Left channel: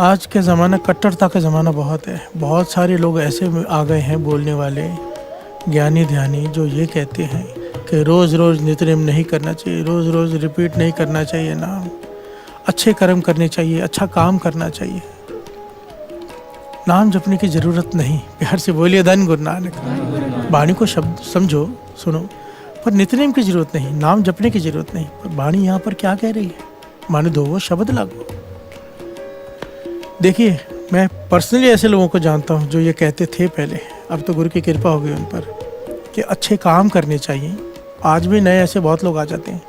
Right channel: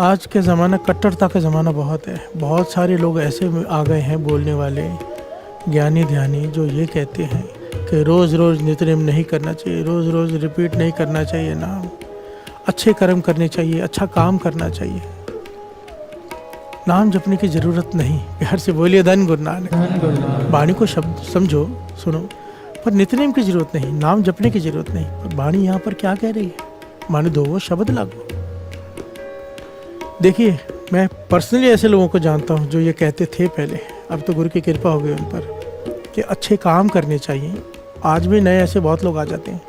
आज के ज़माना कट्टरता का ज़माना बहुत है। बहुत सारे लोग ऐसे में आ गए हैं बोलने वाले ज्ञानी ध्यानी जो ये कहते हैं कि रोज़ रोज़ नित्यनेम नहीं करना चाहिए, रोज़ रोज़ रिपीट नहीं करना चाहिए नाम, अच्छे कर्म करने चाहिए, अच्छा काम करना चाहिए, नाम जपने की ज़रूरत नहीं। प्यार से बोलिए धन गुरु नानक। वाणी को शब्द समझो, सुनो, पर नित्यनेम की ज़रूरत नहीं, नाम जपने की ज़रूरत नहीं। पर वाणी यहाँ पर क्या कह रही है, मान दो वो शब्द लागू। देखिए, मैं पर्सनली ऐसे लोगों को जानता हूँ जो ये कहते थे पहले, अब तो गुरु की कृपा हो गई उन पर कि अच्छे काम करने चाहिए। आज भी नए ऐसे बहुत लोग आ जाते हैं।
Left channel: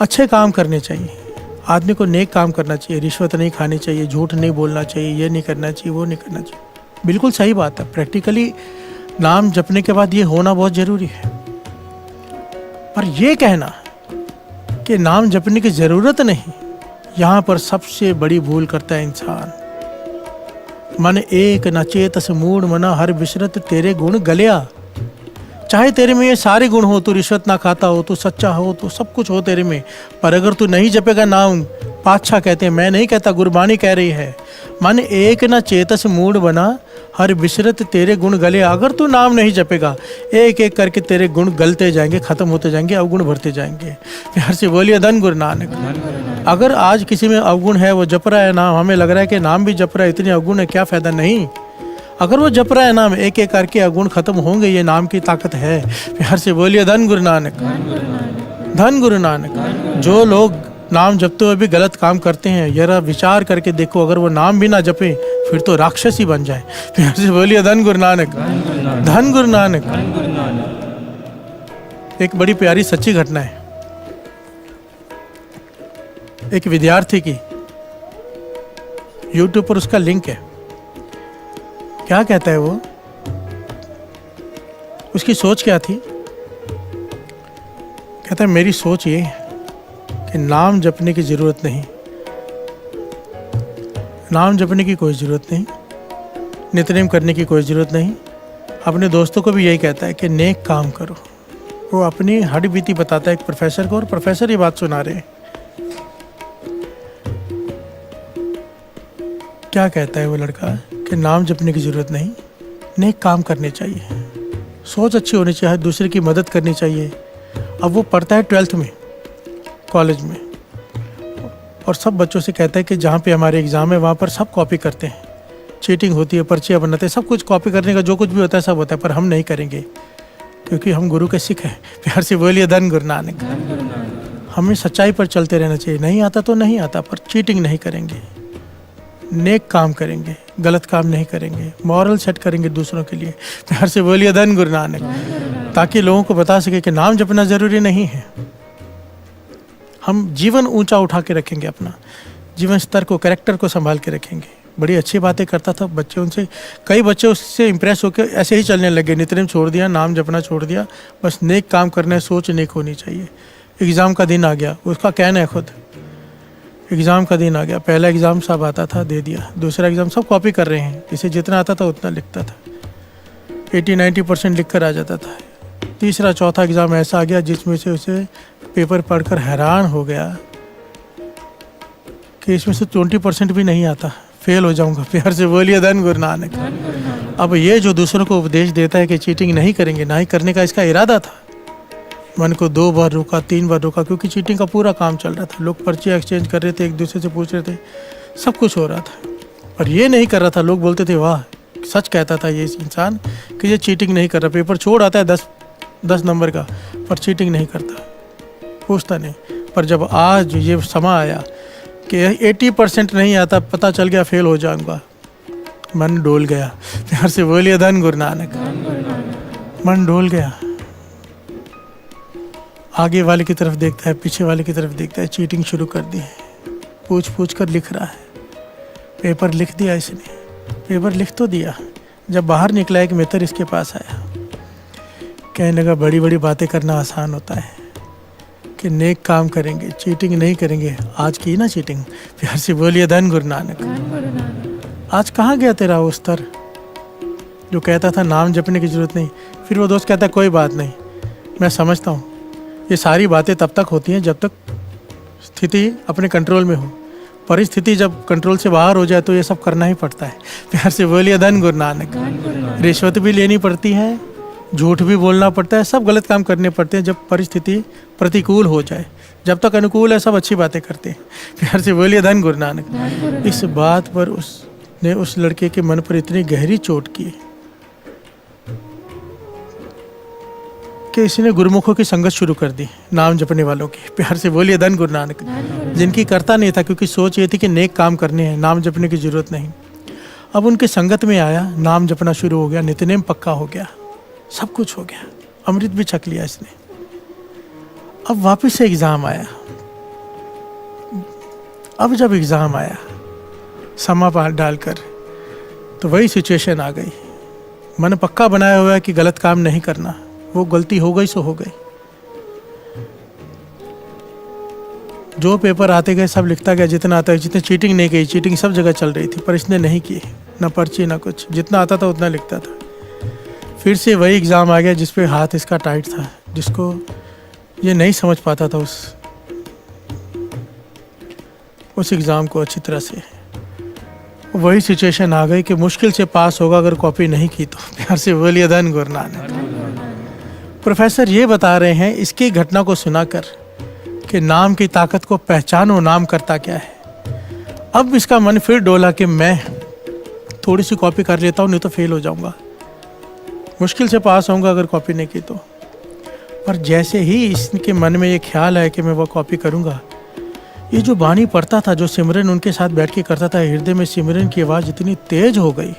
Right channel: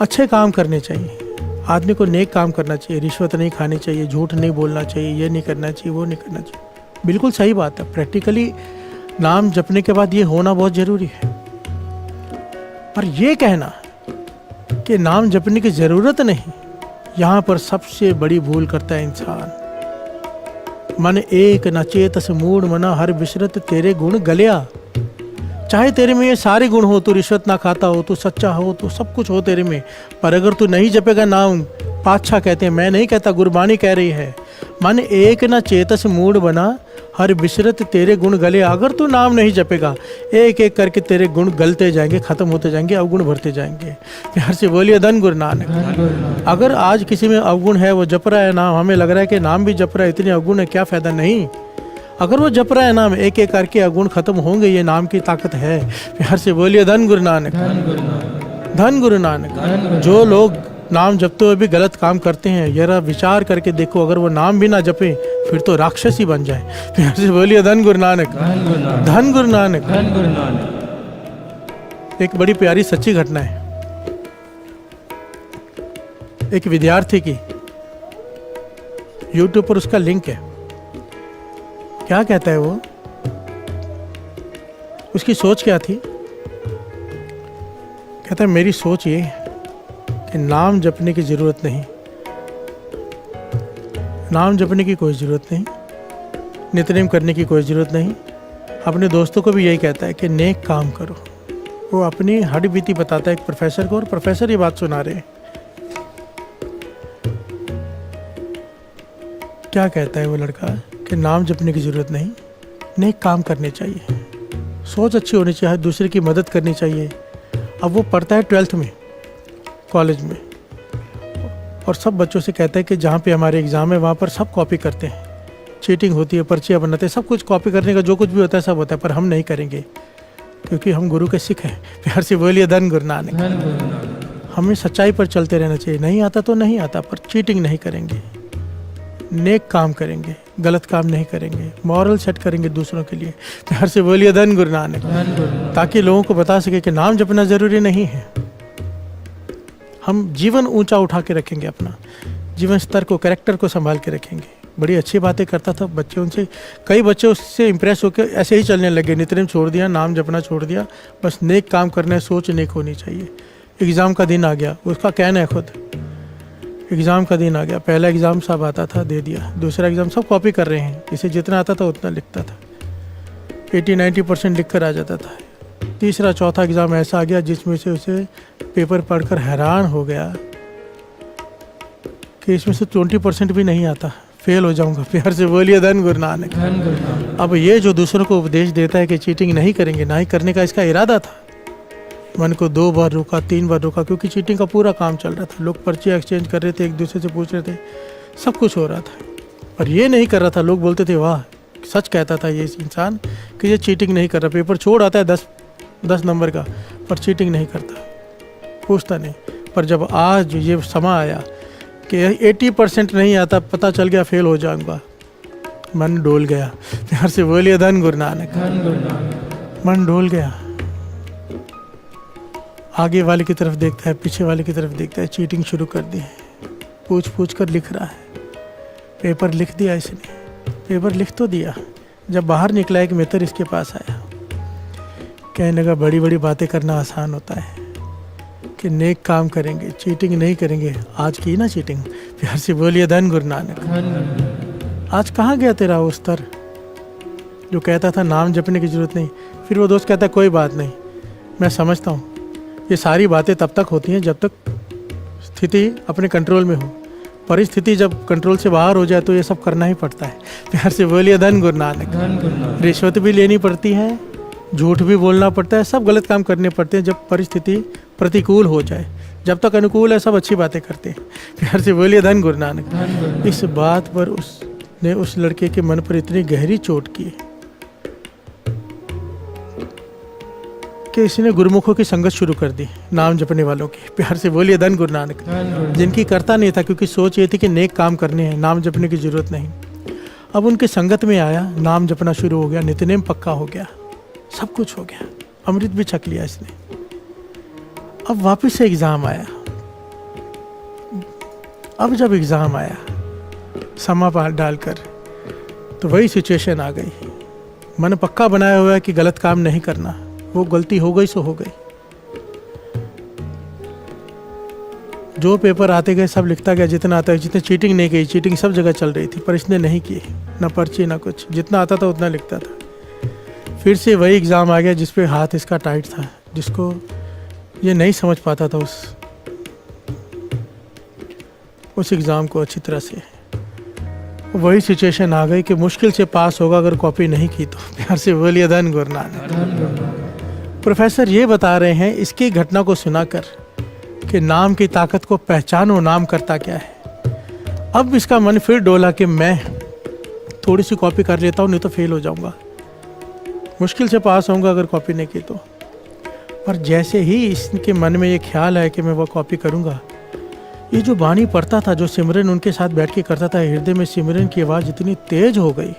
अच्छे काम करने चाहिए, आदमी को नेक काम करना चाहिए, रिश्वत नहीं खानी चाहिए, झूठ नहीं बोलना चाहिए, ये नहीं करना चाहिए, वो नहीं करना चाहिए। बिल्कुल सही बात है। प्रैक्टिकली नाम जपने के बाद ये होना बहुत ज़रूरी है। पर ये कहना कि नाम जपने की ज़रूरत नहीं, यहाँ पर सबसे बड़ी भूल करता है इंसान। मन एक न चेतस मूढ़ मना हर बिसरत तेरे गुण गलिया। चाहे तेरे में ये सारे गुण हो, तू रिश्वत ना खाता हो, तू सच्चा हो, तो सब कुछ हो तेरे में, पर अगर तू नहीं जपेगा नाम, पातशाह कहते हैं, मैं नहीं कहता, गुरबानी कह रही है, मन एक न चेतस मूढ़ बना हर बिसरत तेरे गुण गले। अगर तू नाम नहीं जपेगा, एक एक करके तेरे गुण गलते जाएंगे, खत्म होते जाएंगे, अवगुण बढ़ते जाएंगे। प्यार से बोलिए धन गुरु नानक। अगर आज किसी में अवगुण है, वो जप रहा है नाम, हमें लग रहा है कि नाम भी जप रहा है, इतने अवगुण है, क्या फ़ायदा। नहीं, अगर वो जप रहा है नाम, एक एक करके अवगुण खत्म होंगे, ये नाम की ताकत है। प्यार से बोलिए धन गुरु नानक, धन गुरु नानक। जो लोग नाम जपते हुए भी गलत काम करते हैं, जरा विचार करके देखो, अगर वो नाम भी ना जपे फिर तो राक्षस ही बन जाए। प्यार से बोलिए धन गुरु नानक, धन गुरु नानक। एक बड़ी प्यारी सच्ची घटना है, एक विद्यार्थी की, यूट्यूब पर उसका लिंक है। क्या कहता है वो, उसकी सोच क्या थी, कहता है मेरी सोच ये कि नाम जपने की ज़रूरत नहीं, नाम जपने की कोई ज़रूरत नहीं, नित्यनेम करने की कोई ज़रूरत नहीं। अपने दोस्तों को भी यही कहता है कि नेक काम करो। वो अपनी हड्डी बीती बताता है एक प्रोफेसर को, और प्रोफेसर ये बात सुना रहे हैं। क्या कहता है वो लड़का कि नाम जपने की ज़रूरत नहीं, नेक काम करने चाहिए, सोच अच्छी होनी चाहिए, दूसरे की मदद करनी चाहिए। अब वो पढ़ता है 12th में, कॉलेज में, और सब बच्चों से कहता है कि जहाँ पे हमारे एग्ज़ाम है वहाँ पर सब कॉपी करते हैं, चीटिंग होती है, पर्चियाँ बनाते हैं, सब कुछ कॉपी करने का जो कुछ भी होता है सब होता है, पर हम नहीं करेंगे क्योंकि हम गुरु के सिख हैं। प्यार से बोलिए धन गुरु नानक। हमें सच्चाई पर चलते रहना चाहिए, नहीं आता तो नहीं आता, पर चीटिंग नहीं करेंगे, नेक काम करेंगे, गलत काम नहीं करेंगे, मॉरल सेट करेंगे दूसरों के लिए। प्यार से बोलिए धन गुरु नानक, ताकि लोगों को बता सके कि नाम जपना ज़रूरी नहीं है। हम जीवन ऊंचा उठा के रखेंगे, अपना जीवन स्तर को, कैरेक्टर को संभाल के रखेंगे। बड़ी अच्छी बातें करता था, बच्चे उनसे, कई बच्चे उससे इंप्रेस होकर ऐसे ही चलने लगे, नित्यनेम छोड़ दिया, नाम जपना छोड़ दिया, बस नेक काम करना है, सोच नेक होनी चाहिए। एग्ज़ाम का दिन आ गया, उसका कहना है खुद, एग्ज़ाम का दिन आ गया, पहला एग्ज़ाम सब आता था, दे दिया, दूसरा एग्ज़ाम सब कॉपी कर रहे हैं, इसे जितना आता था उतना लिखता था, 80-90% लिख कर आ जाता था। तीसरा चौथा एग्ज़ाम ऐसा आ गया जिसमें से उसे पेपर पढ़कर हैरान हो गया कि इसमें से 20% भी नहीं आता, फेल हो जाऊंगा। प्यार से बोलिए धन गुरु नानक। अब ये जो दूसरों को उपदेश देता है कि चीटिंग नहीं करेंगे, ना ही करने का इसका इरादा था। मन को 2 बार रोका, 3 बार रोका, क्योंकि चीटिंग का पूरा काम चल रहा था, लोग पर्ची एक्सचेंज कर रहे थे, एक दूसरे से पूछ रहे थे, सब कुछ हो रहा था, पर ये नहीं कर रहा था। लोग बोलते थे वाह, सच कहता था ये इंसान कि ये चीटिंग नहीं कर रहा, पेपर छोड़ आता है 10 नंबर का, पर चीटिंग नहीं करता, पूछता नहीं। पर जब आज ये समा आया कि 80% नहीं आता, पता चल गया फेल हो जाऊंगा, मन डोल गया। प्यार से बोलिए धन गुरु नानक, मन डोल गया। आगे वाले की तरफ देखता है, पीछे वाले की तरफ देखता है, चीटिंग शुरू कर दी है, पूछ कर लिख रहा है। पेपर लिख दिया इसने, पेपर लिख तो दिया, जब बाहर निकला एक मित्र इसके पास आया, कहने लगा बड़ी बड़ी बातें करना आसान होता है कि नेक काम करेंगे, चीटिंग नहीं करेंगे। आज की ना चीटिंग। प्यार से बोलिए धन गुरु नानक। आज कहाँ गया तेरा वो स्तर जो कहता था नाम जपने की ज़रूरत नहीं। फिर वो दोस्त कहता कोई बात नहीं, मैं समझता हूँ ये सारी बातें तब तक होती हैं जब तक स्थिति अपने कंट्रोल में हो, परिस्थिति जब कंट्रोल से बाहर हो जाए तो ये सब करना ही पड़ता है। प्यार से बोलिए धन गुरु नानक। रिश्वत भी लेनी पड़ती है, झूठ भी बोलना पड़ता है, सब गलत काम करने पड़ते हैं जब परिस्थिति प्रतिकूल हो जाए। जब तक अनुकूल है सब अच्छी बातें करते हैं। प्यार से बोलिए धन गुरु नानक। इस बात पर उसने उस लड़के के मन पर इतनी गहरी चोट की कि इसने गुरुमुखों की संगत शुरू कर दी, नाम जपने वालों की। प्यार से बोलिए धन गुरु नानक। जिनकी करता नहीं था, क्योंकि सोच ये थी कि नेक काम करने हैं, नाम जपने की जरूरत नहीं। अब उनकी संगत में आया, नाम जपना शुरू हो गया, नित्यनेम पक्का हो गया, सब कुछ हो गया, अमृत भी छक लिया इसने। अब वापस से एग्जाम आया। अब जब एग्जाम आया समा पार डालकर, तो वही सिचुएशन आ गई। मन पक्का बनाया हुआ है कि गलत काम नहीं करना, वो गलती हो गई सो हो गई। जो पेपर आते गए सब लिखता गया जितना आता है। जितने चीटिंग नहीं की, चीटिंग सब जगह चल रही थी, पर इसने नहीं की, ना पर्ची ना कुछ, जितना आता था उतना लिखता था। फिर से वही एग्ज़ाम आ गया जिस पे हाथ इसका टाइट था, जिसको ये नहीं समझ पाता था उस एग्ज़ाम को अच्छी तरह से। वही सिचुएशन आ गई कि मुश्किल से पास होगा अगर कॉपी नहीं की तो। प्यार से बोलिए धन गुरु नानक। प्रोफेसर ये बता रहे हैं इसकी घटना को सुनाकर कि नाम की ताकत को पहचानो, नाम करता क्या है। अब इसका मन फिर डोला कि मैं थोड़ी सी कॉपी कर लेता हूँ, नहीं तो फेल हो जाऊंगा, मुश्किल से पास होऊंगा अगर कॉपी नहीं की तो। पर जैसे ही इसके मन में ये ख्याल आया कि मैं वो कॉपी करूँगा, ये जो बानी पढ़ता था, जो सिमरन उनके साथ बैठ के करता था, हृदय में सिमरन की आवाज़ इतनी तेज हो गई,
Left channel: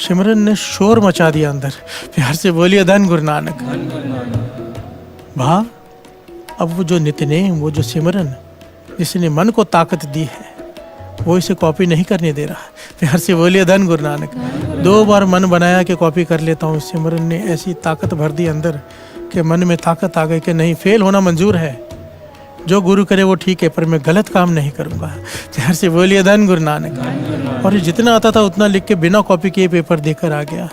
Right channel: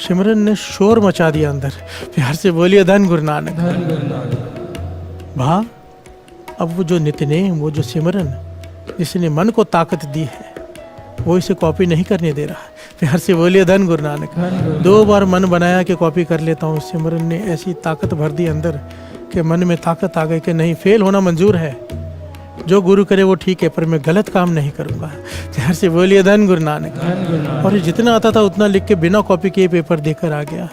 सिमरन ने शोर मचा दिया अंदर। प्यार से बोलिए धन गुरु नानक। भाव अब वो जो नित्यनेम, वो जो सिमरन जिसने मन को ताकत दी है, वो इसे कॉपी नहीं करने दे रहा। प्यार से बोलिए धन गुरु नानक। 2 बार मन बनाया कि कॉपी कर लेता हूँ, सिमरन ने ऐसी ताकत भर दी अंदर कि मन में ताकत आ गई कि नहीं, फेल होना मंजूर है, जो गुरु करे वो ठीक है, पर मैं गलत काम नहीं करूँगा। प्यार से बोलिए धन गुरु नानक। और ये जितना आता था उतना लिख के बिना कॉपी किए पेपर देकर आ गया।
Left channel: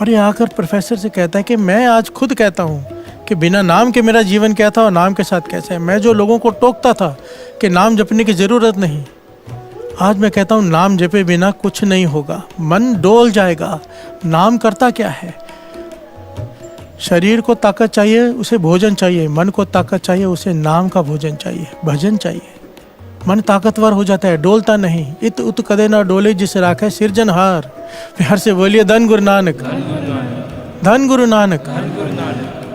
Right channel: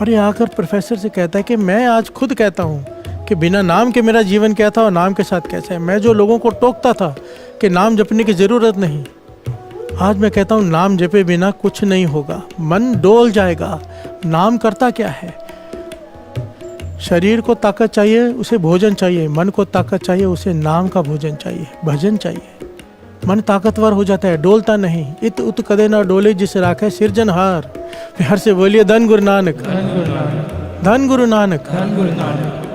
और ये आकर प्रोफेसर से कहता है कि मैं आज खुद कहता हूँ कि बिना नाम के मेरा जीवन क्या था और नाम के साथ कैसा है। मैं जो लोगों को टोकता था कि नाम जपने की ज़रूरत नहीं, आज मैं कहता हूँ नाम जपे बिना कुछ नहीं होगा, मन डोल जाएगा। नाम करता क्या है? शरीर को ताकत चाहिए, उसे भोजन चाहिए। मन को ताकत चाहिए, उसे नाम का भोजन चाहिए, भजन चाहिए। मन ताकतवर हो जाता है, डोलता नहीं। इत उत कदे ना डोले जिस राखे सिरजनहार। प्यार से बोलिए धन गुरु नानक। धन गुरु नानक।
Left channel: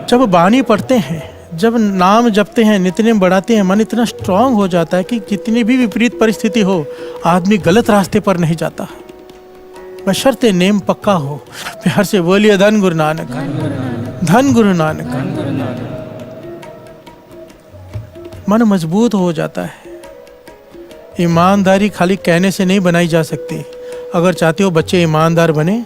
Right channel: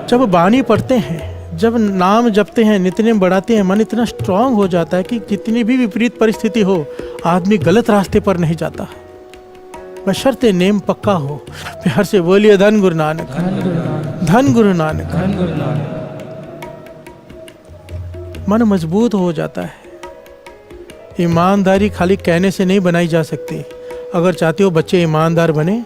जब बानी पढ़ते हैं, जब नाम जपते हैं, नित्यनेम बढ़ाते हैं, मन इतना स्ट्रांग हो जाता है कि जितनी भी विपरीत परिस्थिति हो, आदमी गलत रास्ते पर नहीं जाता, बशर्ते नेम पक्का हो। प्यार से बोलिए धन गुरु नानक। धन गुरु नानक। मन मजबूत हो जाता है। ईमानदारी खाली कहने से नहीं बनाई जा सकती। अगर चाहते हो बच्चे ईमानदार बने,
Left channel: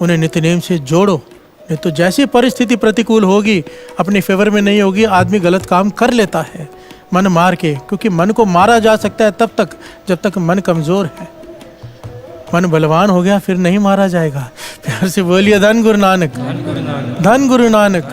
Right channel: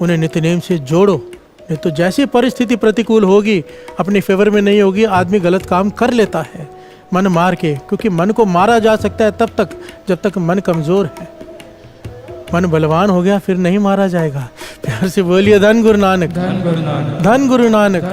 उन्हें नित्यनेम से जोड़ो, नहीं तो जैसी परिस्थिति प्रतिकूल होगी, अपने फेवर में नहीं होगी, आदमी गलत काम कर लेता है मन मार के। क्योंकि मन को मारा जा सकता है तब तक जब तक मन कमज़ोर है। मन बलवान हो गया फिर नहीं मारा जाएगा। प्यार से बोलिए धन गुरु नानक। धन गुरु नानक।